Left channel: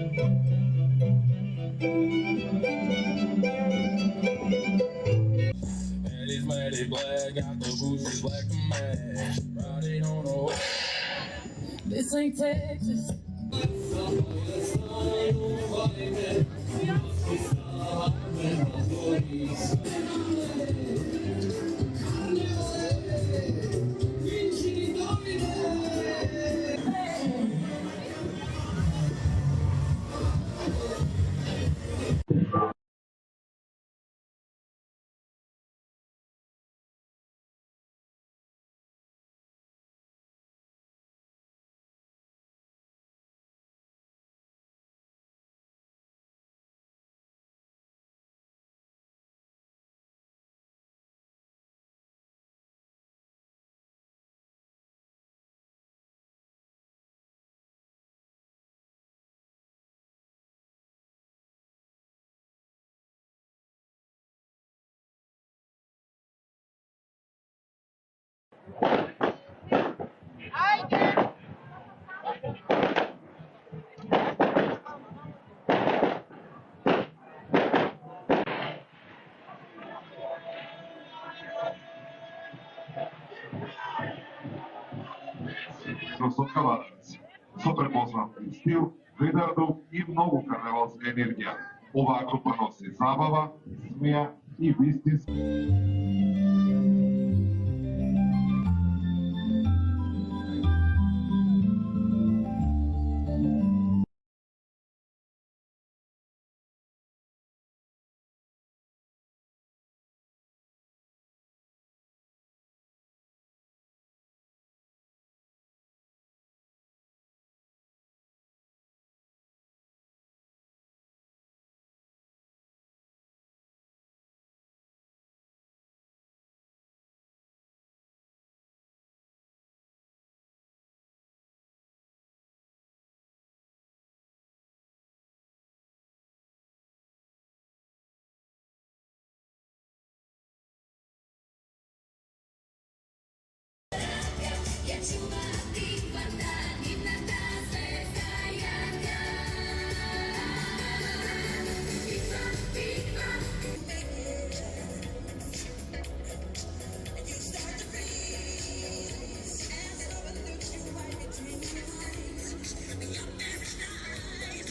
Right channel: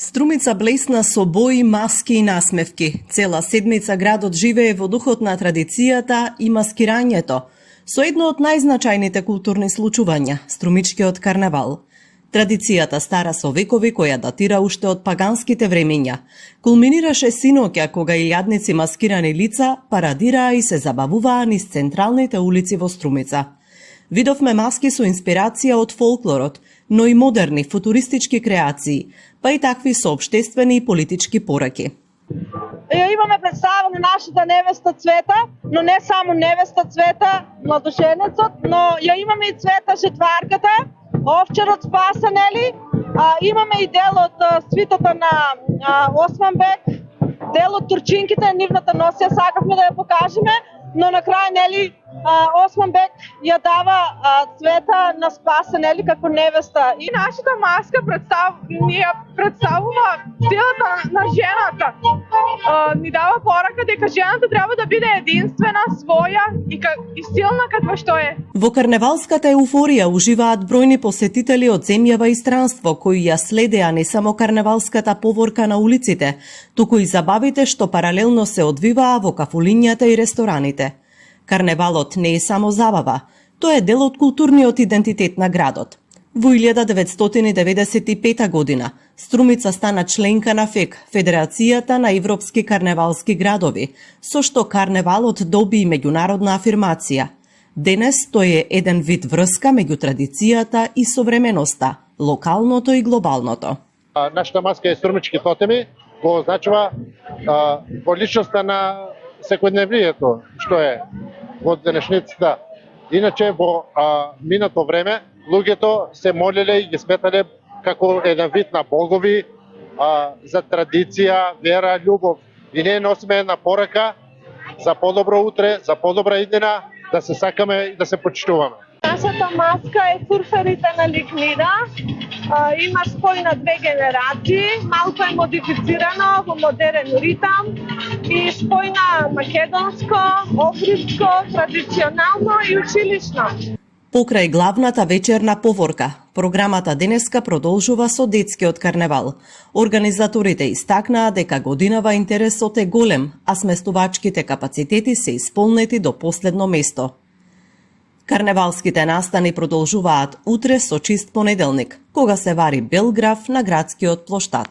Струмица блесна со бои, маски и насмевки. Цела седмица градот живее во духот на традицијата и маскирањето, со едно од најзначајните културни случувања – Струмичкиот карнавал. Традицијата стара со векови, која датира уште од паганските времења. Кулминираше синоќа кога илјадници маскирани лица парадираа и се забавуваа низ централните улици во Струмица. Видовме маски со инспирација од фолклорот, но и модерни футуристички креации, па и такви со општествени и политички пораки. Имаме представа на нашата невеста Цвета, но не само невеста Цвета, младоженецот, но ја имаме и Цвета жетварката, овчарот спаса, нели? Имаме и дел од свитата на Османбек, дел од турчинките, нивната носија сакавме да ја покажеме, но на крај, нели, Османбек ја дава Цвета на Спаса, нели, како невеста. И нашата маска представува силата на жената. Ни дава порака дека жената треба да биде единствена, своја и силна каква што е. Во карневалската еуфорија уживаат бројни посетители од земјава и странство, кои ја следеа не само карневалската поворка на улиците, туку и забавите што паралелно се одвиваа во кафулињата и рестораните. Карневалот не е само забава, тоа е дел од културниот идентитет на градот. Во 1995 година Струмица стана членка на ФЕК, Федерацијата на европски карневалски градови, со што карневалот доби меѓународна афирмација. Денес тој е еден вид врска меѓу традицијата и современоста, локалното и глобалното. Нашата маска е струмички тотеми, го означува во личноста на секојдневнието, што е во денешницата. Иначе во минато време луѓето се молеле и ги сметале како еден вид на богови за традиција, вера, љубов. И ние носиме една порака за подобро утре, за подобра иднина, да се сакаме и да се почитуваме. Нашата маска е сурферите на Ликнида. Има спој на две генерации, малку е модифицирано во модерен ритам и спој на македонско, охридско, традиционално и училишно. Покрај главната вечерна поворка, програмата денеска продолжува со детскиот карневал. Организаторите истакнаа дека годинава интересот е голем, а сместувачките капацитети се исполнети до последно место. Карневалските настани продолжуваат утре со чист понеделник, кога се вари бел граф на градскиот плоштад.